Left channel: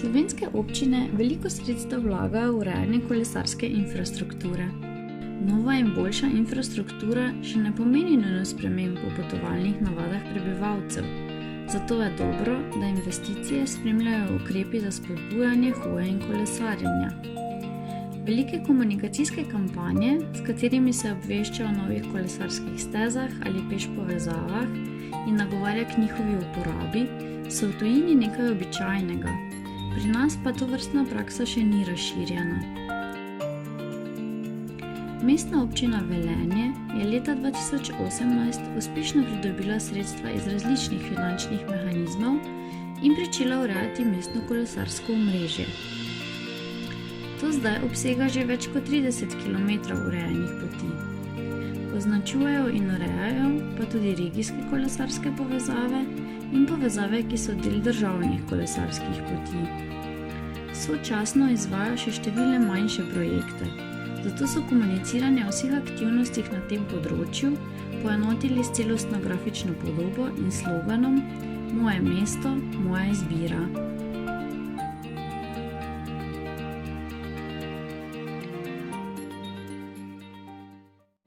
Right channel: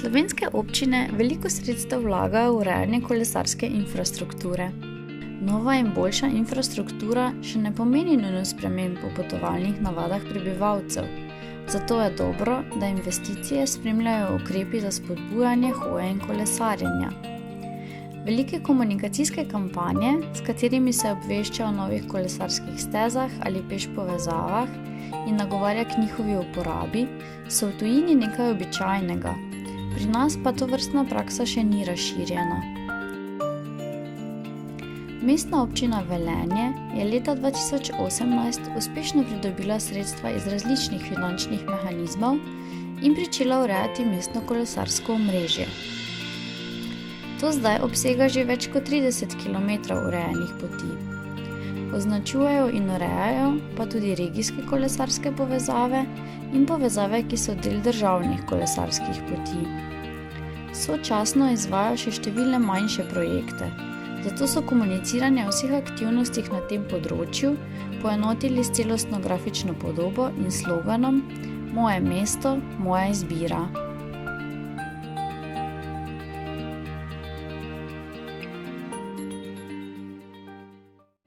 Slovenske občine veliko sredstev vlagajo v urejanje kolesarske infrastrukture. Nova in boljša infrastruktura še ne pomeni nujno sprememb v potovalnih navadah prebivalcev, zato je dobro, da investicije spremljajo ukrepi za spodbujanje hoje in kolesarjenja. Velike komunikacijske kampanje, s katerimi se obvešča o novih kolesarskih stezah ali peš povezavah in nagovarja k njihovi uporabi, so v tujini nekaj običajnega. Pri nas pa tovrstna praksa še ni razširjena. Mestna občina Velenje je leta 2018 uspešno pridobila sredstva iz različnih finančnih mehanizmov in pričela urejati mestno kolesarsko omrežje. To zdaj obsega že več kot 30 km urejenih poti. Označujejo in urejajo pa tudi regijske kolesarske povezave in povezave, ki so del državnih kolesarskih poti. Sočasno izvajajo še številne manjše projekte, zato so komuniciranje o vseh aktivnostih na tem področju poenotili s celostno grafično podobo in sloganom Moje mesto, moja izbira.